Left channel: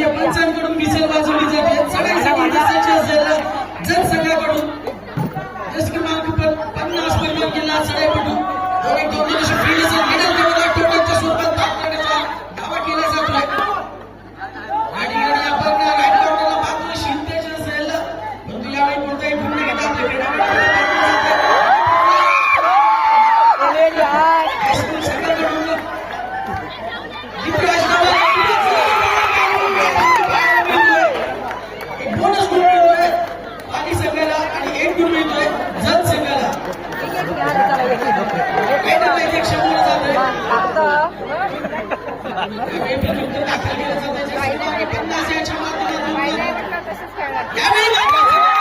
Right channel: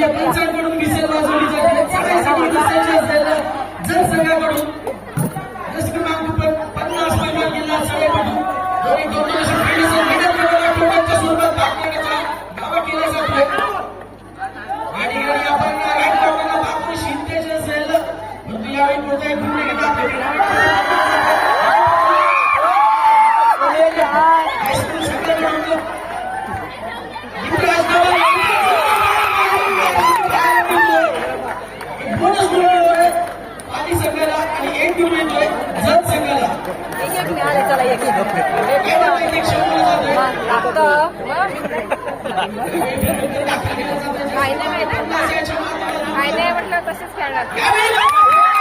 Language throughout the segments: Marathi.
पंचांकडून मिसेल वाजवली जाते सगळ्या समाजसाची असेल जनसंघाकडून फायदा फायदा फायदा खेळणार.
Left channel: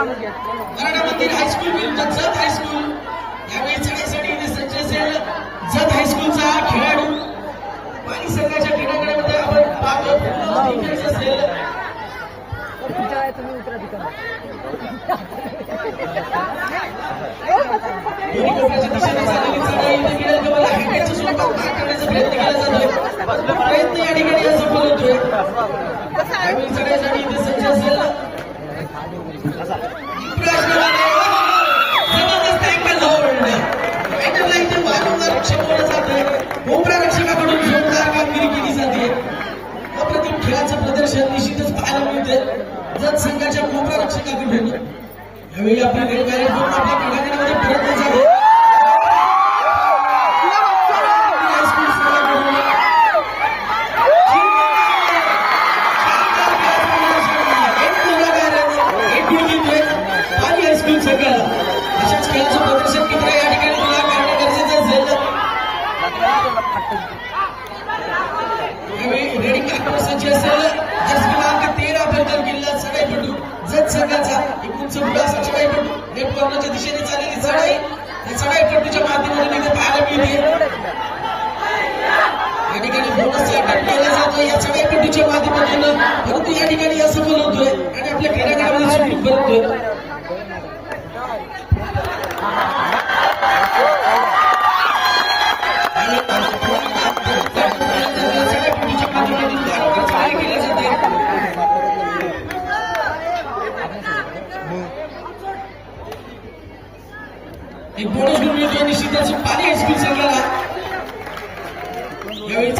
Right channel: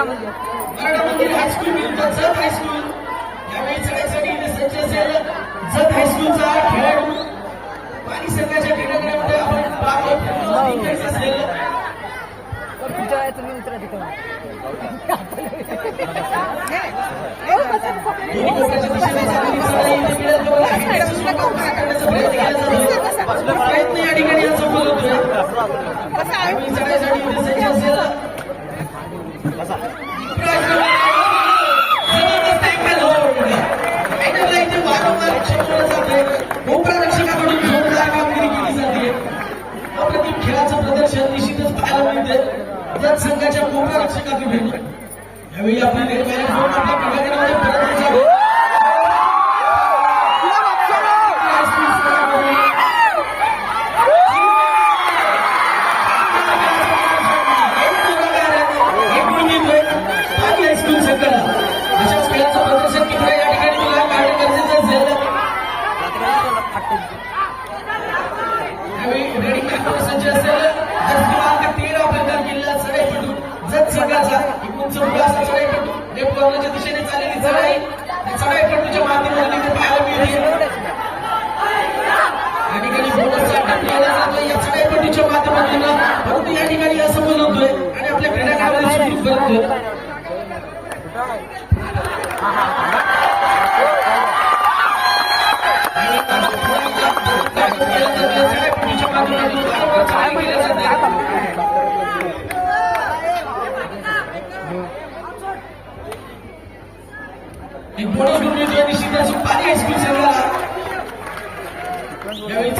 मराठा मंदिर हायस्कूल विरुद्ध जत हायस्कूल यावेळी चढ्यासाठी सज्ज असेल जत हायस्कूलचा खेळाडू पाणी संघाच्या क्रीडांगणामध्ये आपण पाहतो. डिफेन्स असेल दिशेने प्रयत्न केला परंतु या ठिकाणी या संघ आणि आपल्या क्रीडाकारामध्ये करतोय निश्चितच पाणी एक्सप्रेस यावेळी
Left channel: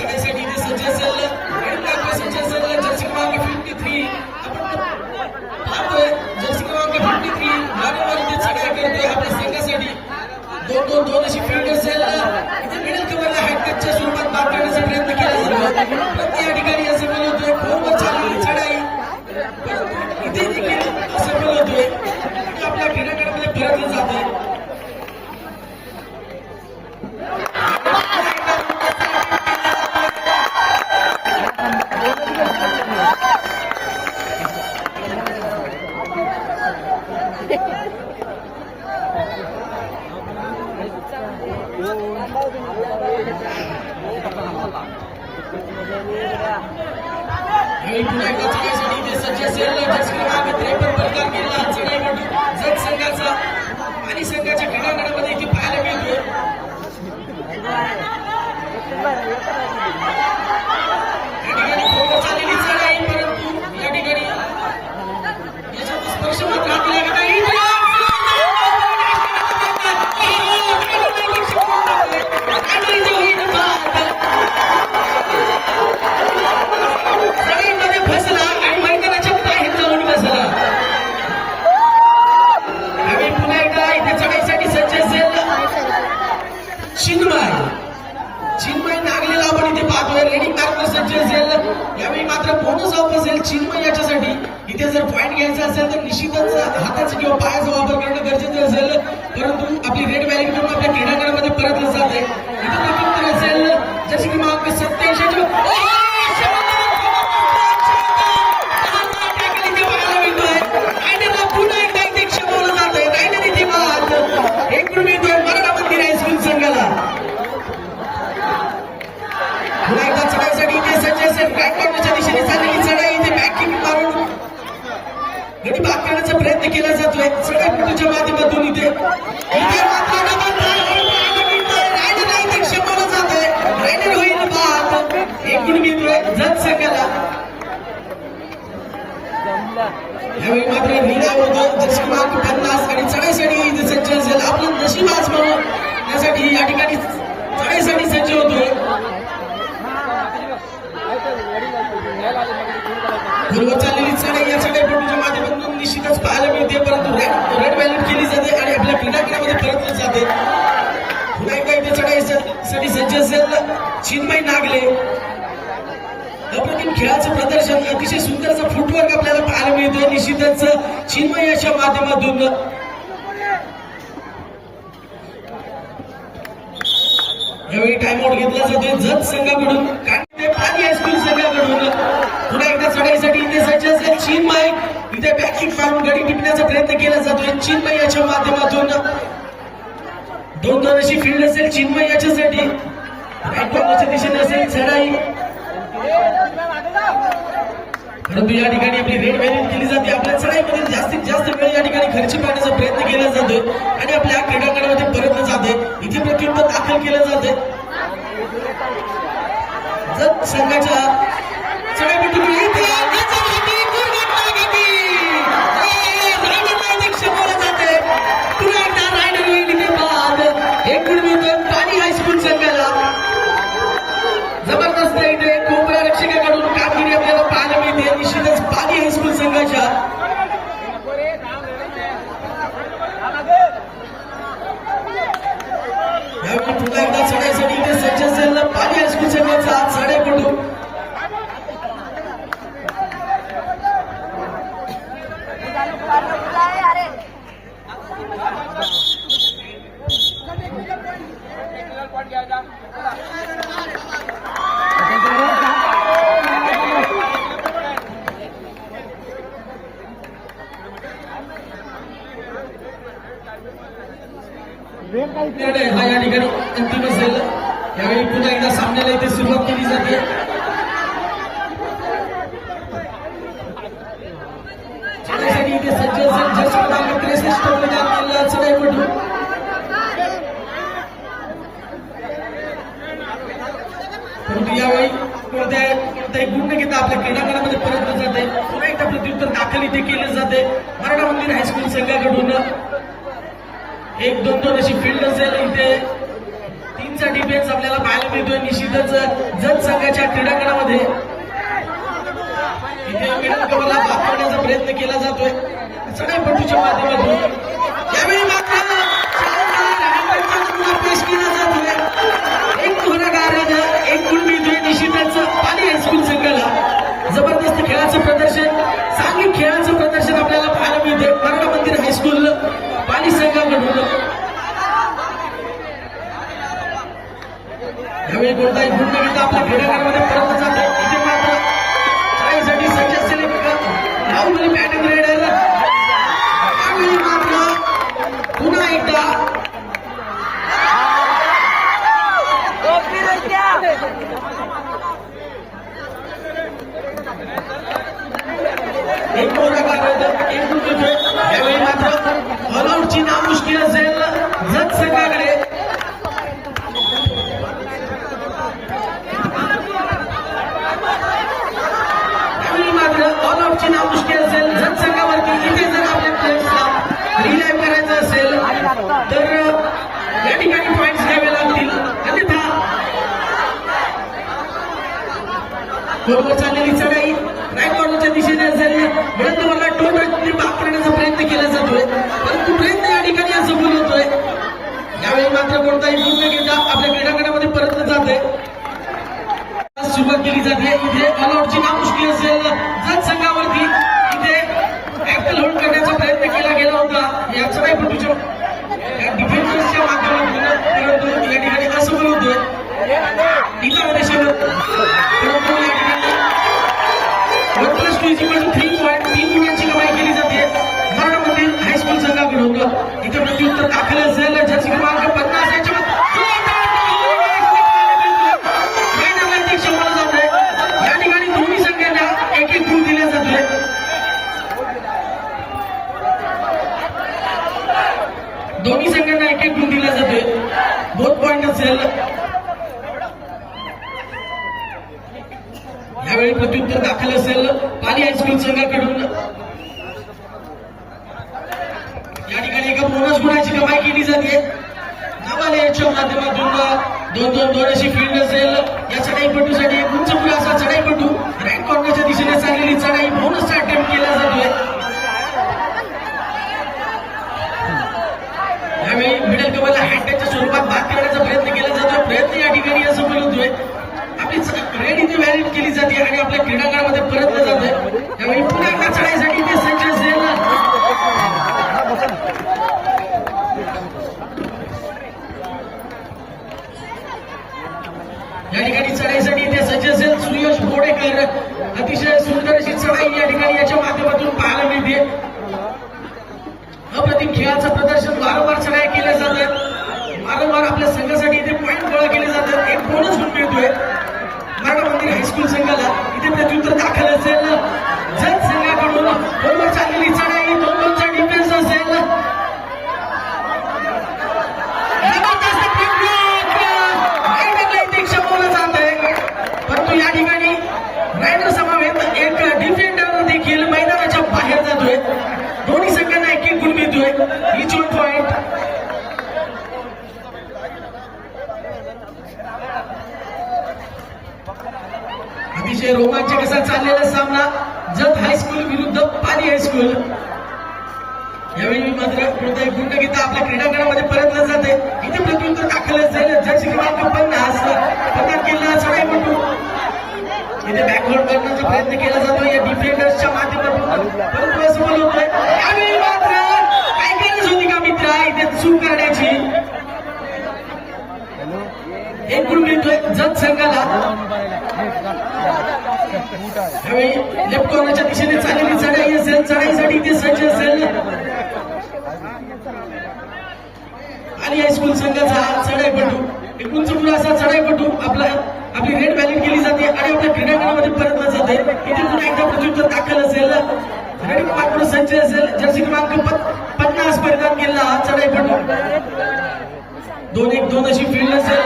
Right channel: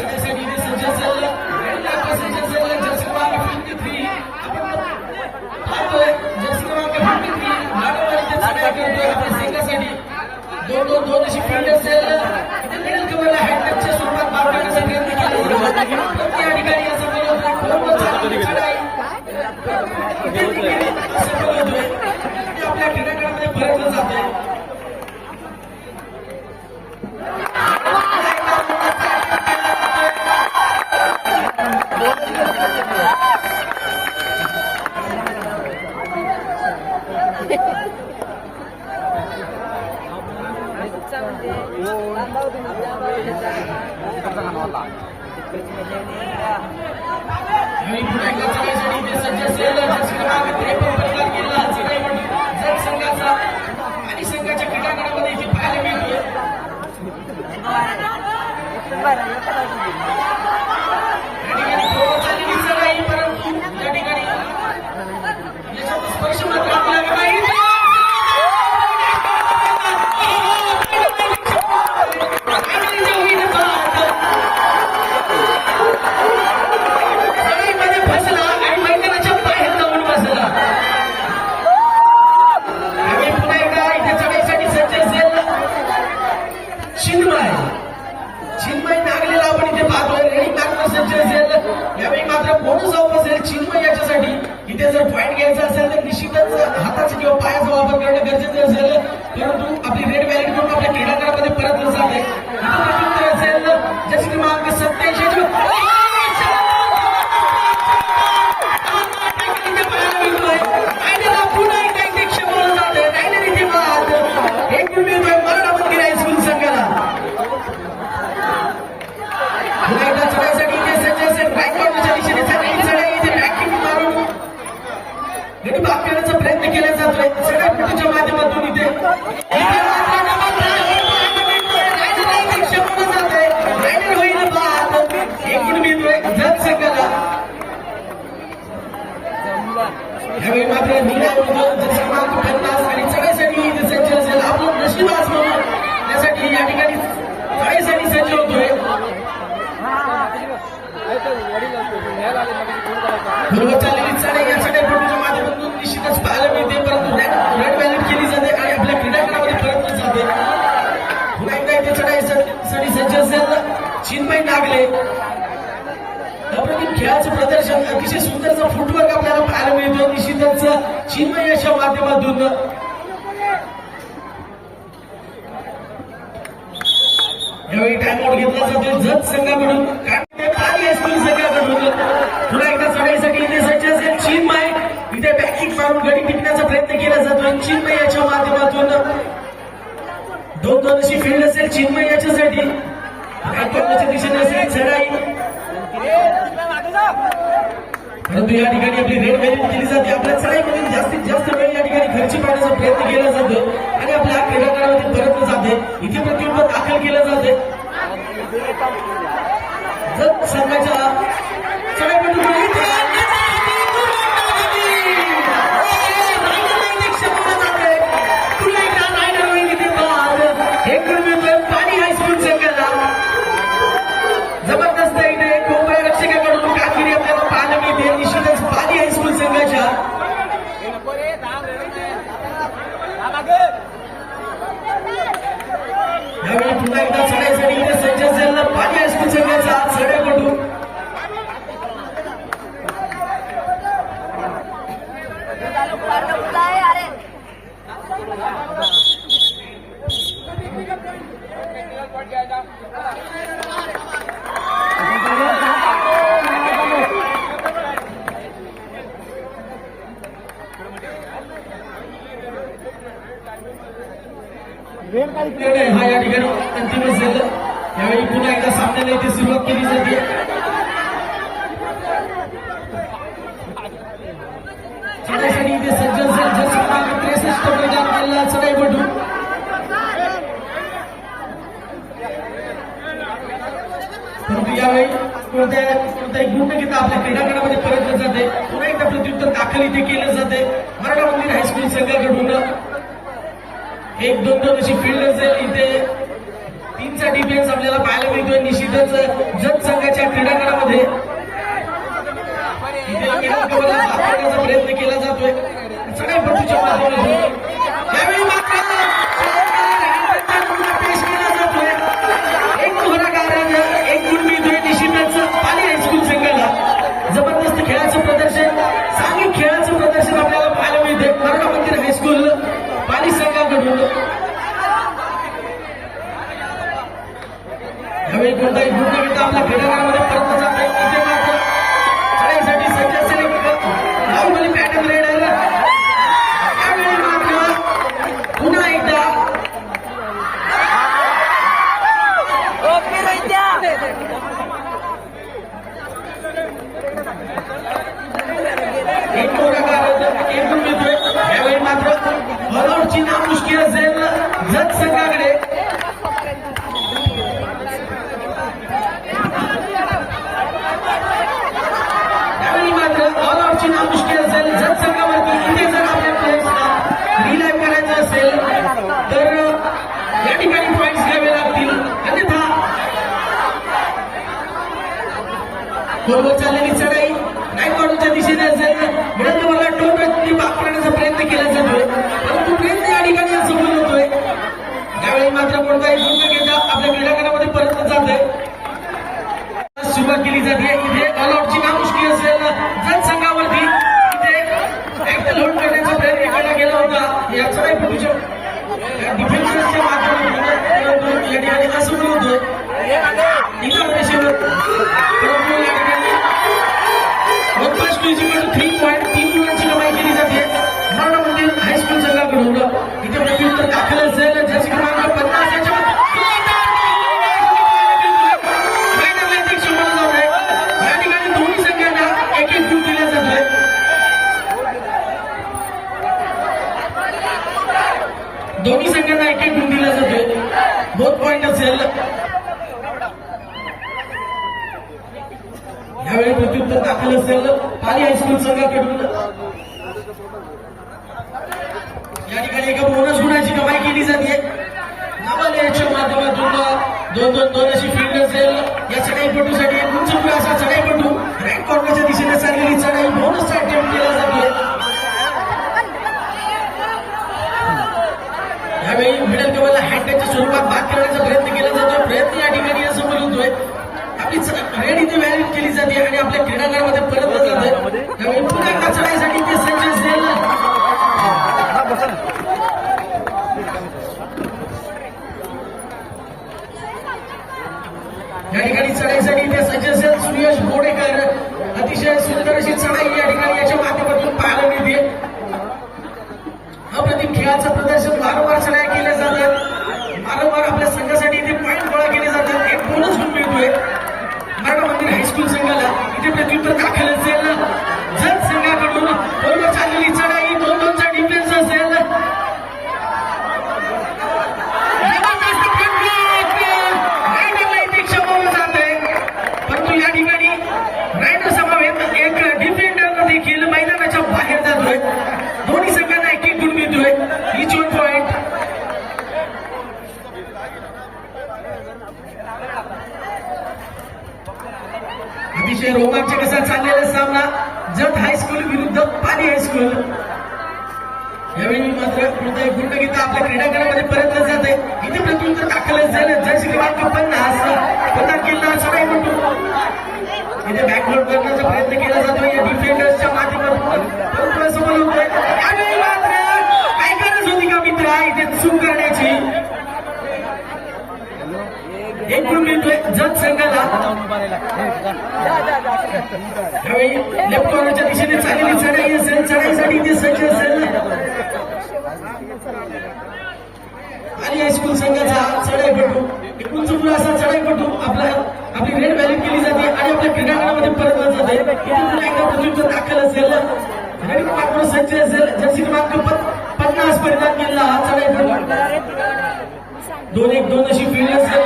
पॉईंट घ्यायचा असेल तर निश्चितच हाताचा किंवा पायाचा वापर करणं गरजेचं असेल. परंतु आपली रेड व्हॅलिड म्हणून आपल्या क्रीडांगणामध्ये परतलं जाते असेल जशी की मार्क सत्याऐंशी एकूण मात्र निर्णयामध्ये पन्नास आणि चढाईसाठी इथे सज्ज असेल आपलं नशीब आज म्हणून. त्यासाठी या ठिकाणी चढाईसाठी सज्ज होतोय. बरोबर चाललेली चढाई या माध्यमातून निश्चितच पाहायला मिळते. परंतु रेड व्हॅल्यूट केली जाते आणि आपल्या क्रीडांगणामध्ये परतली जाते. पुन्हा एकदा इथे चढाईसाठी सज्ज असेल चिन्मय नागले. खेळाचं प्रदर्शन अतिशय सुंदरचा फुटवर्क आपल्याला पाहायला मिळतोय. निश्चितच चिन्मय याच्या माध्यमातून. यावेळी टाइमआउट घेतला जातोय. जत संघाकडून कांडे पाणी हायस्कूल संघाकडून. पुन्हा एकदा चढाईसाठी इथे सज्ज असेल चिन्मय. इथे बॅकिंग मारून गडी टिपण्याचा प्रयत्न केला जातोय. चिन्मय याच्या माध्यमातून. दोन दोन अशी फील्ड असेल चिन्मय याच्यासाठी. राईट कॉर्नरच्या दिशेने असेल चढाई. परंतु या ठिकाणी आपली रेड व्हॅल्यू केली जाते. आपल्या चढाईमध्ये जास्तीत जास्त वेळ या ठिकाणी खर्ची पाहण्याचा प्रयत्न केला जातो. आणि आपल्या क्रीडांगणामध्ये परतलं जाते इथे प्रत्युत्तर दाखल केलं जाते जर संघाच्या हा या ठिकाणी अंतिम असेल यावेळी पुन्हा एकदा सामन्याला इथे सुरुवात केली जाते. एक दोन दोन अशी फील्ड असेल इथे. तीनचा डिफेन्स आपल्याला पाहायला मिळतोय. निश्चितच जत संघाच्या क्रीडांगणामध्ये इथे प्रयत्न केला जातोय. सगळ्या चढाईपटूच्या माध्यमातून. त्यावेळी मात्र पेश केला जातोय. एक गुन्हेगारानं एक गुण मिळतोय. निश्चितच पाणी हायस्कूल संघाला जबरदस्त खेळाचं प्रदर्शन चांगली खेळाचं प्रदर्शन आपल्याला पाहायला मिळते कर्ण मंदिर हायस्कूल पाणी संघाकडून यावेळी कोणताही गुण न घेता आपल्या क्रीडांगणामध्ये बरोबर चाललेली चढाई नाही दिशेने असेल मिळत मला पाक करण्याचा प्रयत्न केला जातोय. परंतु प्रयत्न या ठिकाणी असे होतोय यावेळी मात्र कोणताही पूर्ण घेता आपल्या क्रीडांगणामध्ये परत जाते त्यावेळी लेफ्टोराच्या दिशेने चाललेली चढाई असेल चढाईसाठी ते सज्ज असेल आणि हायस्कूल संघाचा चढाईपटू एकूणच मुलं असा चढाईपटू आपला आपली रेड बॅलिंग केली जाते आणि आपल्या क्रीडांगणामध्ये परतला जाते इथे पुन्हा एकदा प्रत्युत्तर दाखल असेल. रेड पाकडू सज्ज असेल. जर्सी क्रमांक पन्नास परिधान केला हा चढाईपटू. दोन एक दोन अशी फील्ड असेल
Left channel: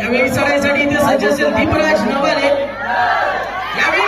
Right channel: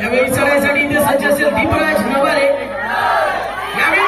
यावेळी सरळ सगळी इथे सज्ज असेल दीपराज नवाले यावेळी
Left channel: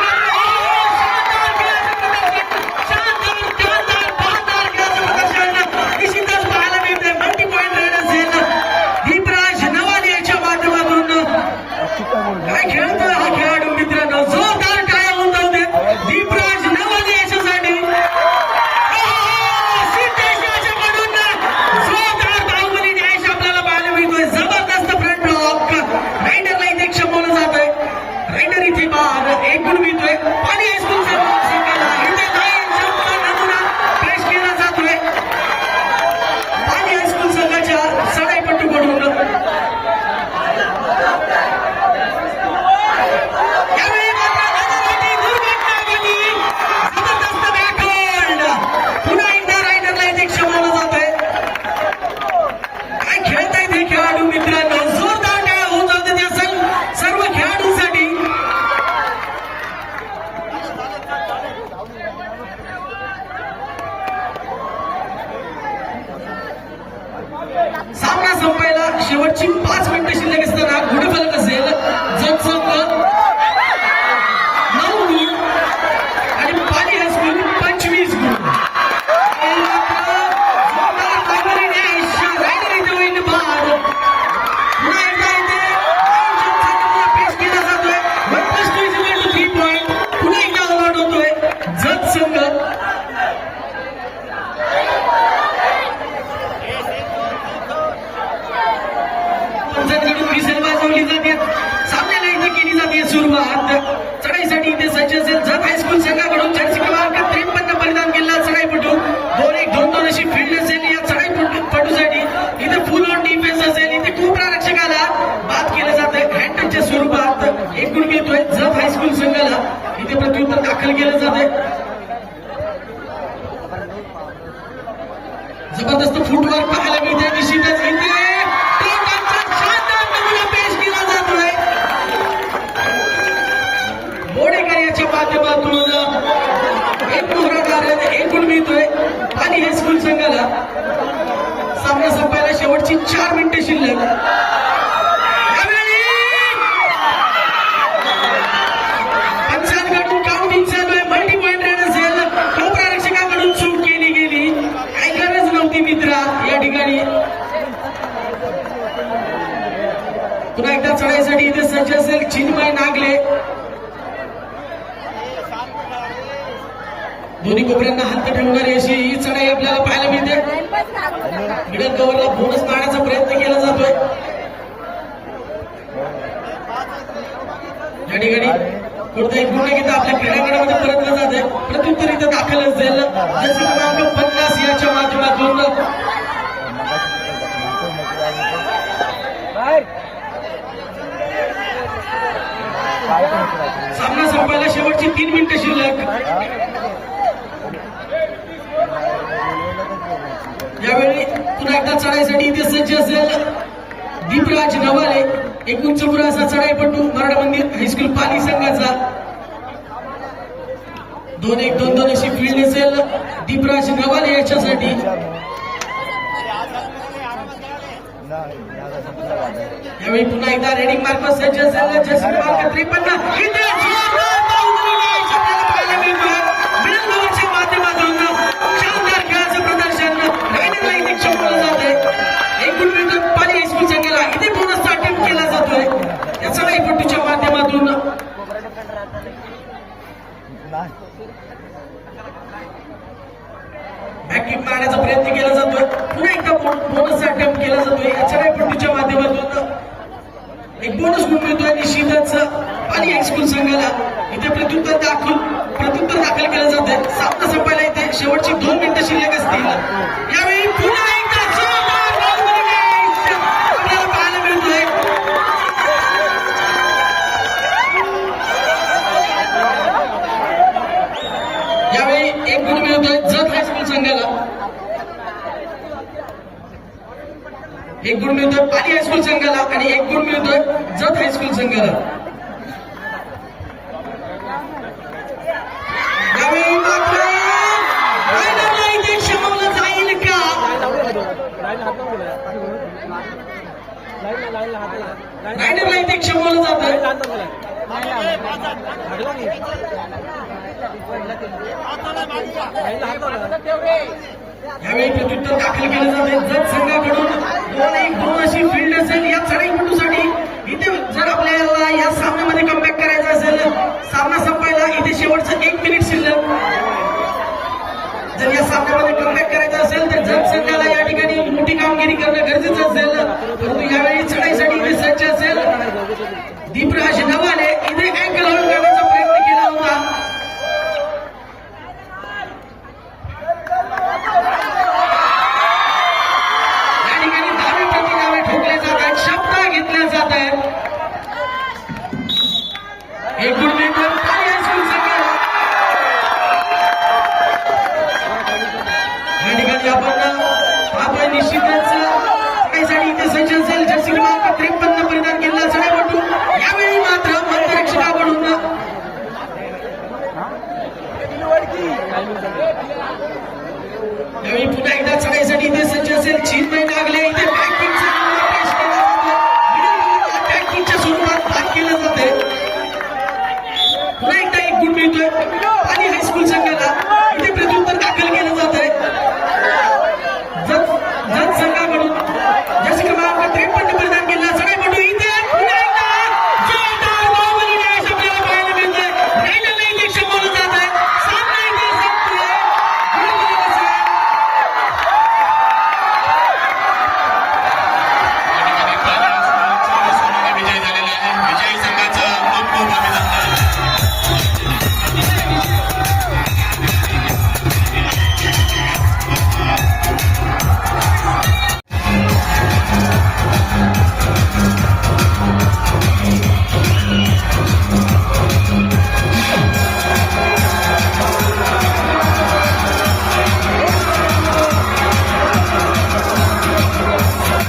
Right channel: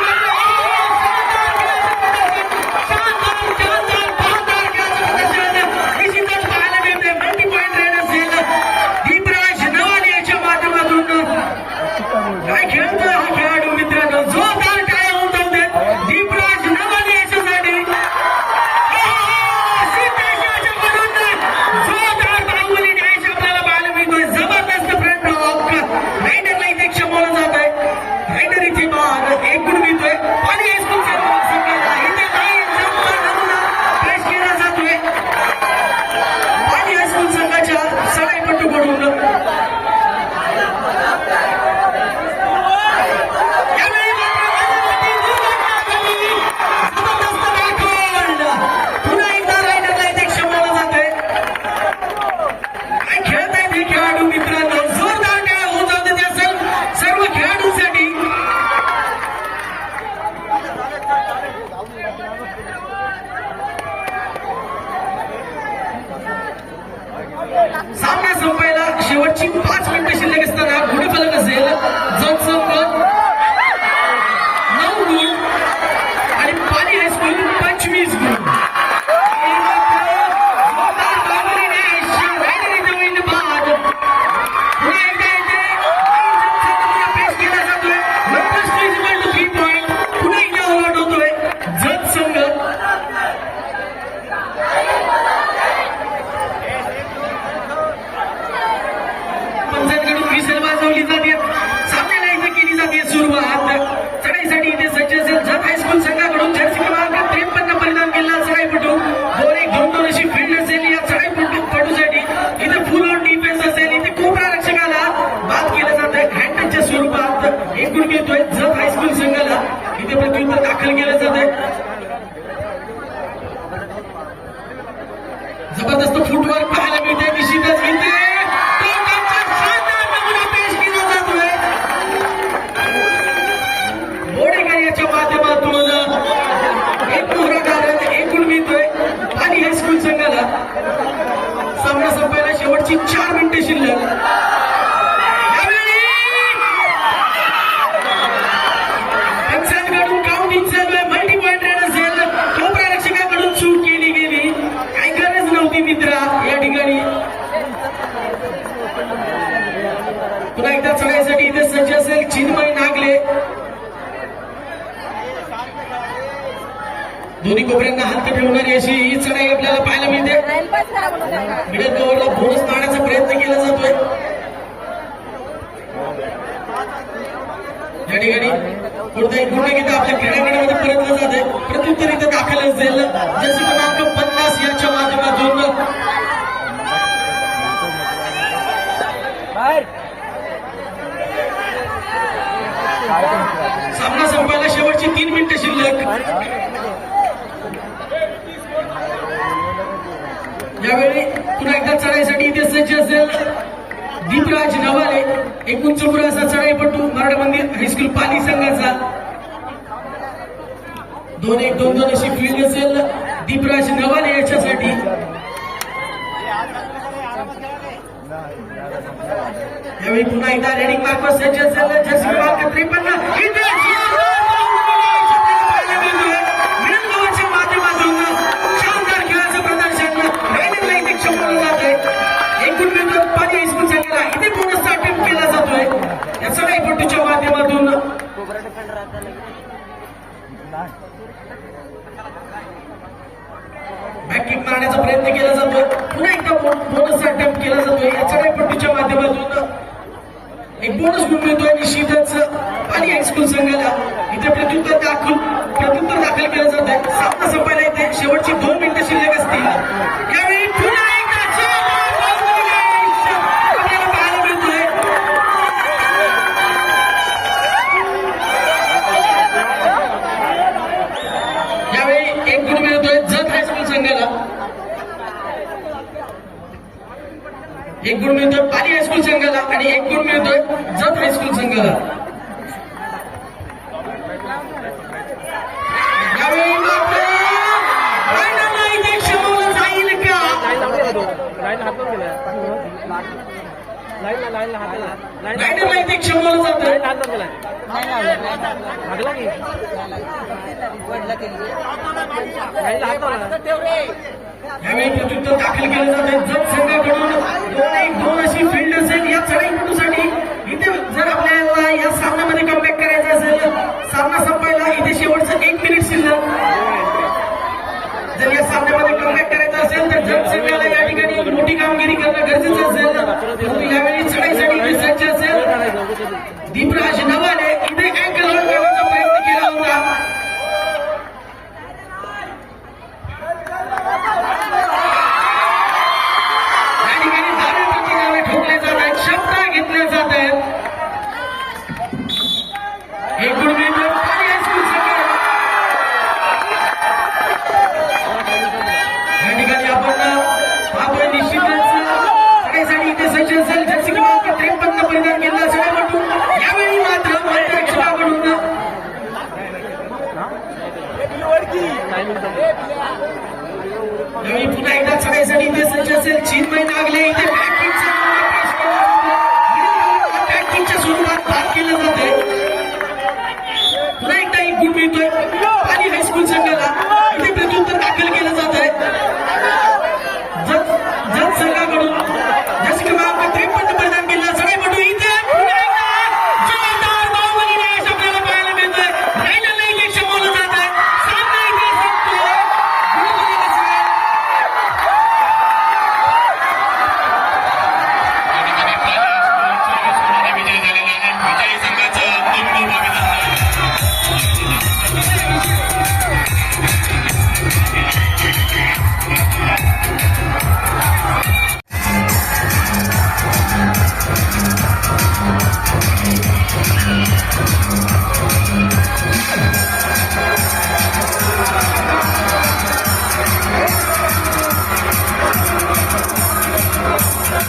एकूण घेतोय जत हायस्कूल संघाला इथे प्रत्युत्तर दाखल केलं जात. सामना संपायला शेवटची तीन मिनिटं शिल्लक. यावेळी पुन्हा एकदा चढाईसाठी इथे सज्ज असेल दीपराज नवाले एक उंच मुलाचा चढाईपटू मराठा मंदिर हायस्कूल पाली संघाचा. दोन एक दोन दोन अशी फील्ड असेल. दीपराज नवाले याच्यासाठी. यावेळी पुन्हा एकदा रेडिंग मार्फत सज्ज असेल जस क्रमांक त्रेपन्न. बँकिंग मारण्याचा प्रयत्न केला जातोय. पुन्हा एकदा बोनस अटेम्प्ट केला जातोय. याच्या चढाईपटूच्या माध्यमातून एक बोनस गुण मिळतोय निश्चितच आणि हायस्कूल संघाला. इथे प्रत्युत्तर दाखल प्रत्युत्तर दाखल संघाला. एक गुण मिळतोय पाली हायस्कूल संघाला आणि एक गुण मिळतोय जत हायस्कूल संघाला. यावेळी इथे क्षमवलं जात. का यावेळी प्रत्युत्तर दाखल केलं जात आहे. जर संघाकडून दोन एक दोन अशी फील्ड असेल या चढाईपटूसाठी यावेळी पुन्हा एकदा चढाईसाठी इथे सज्ज असेल. चीन चिन्मय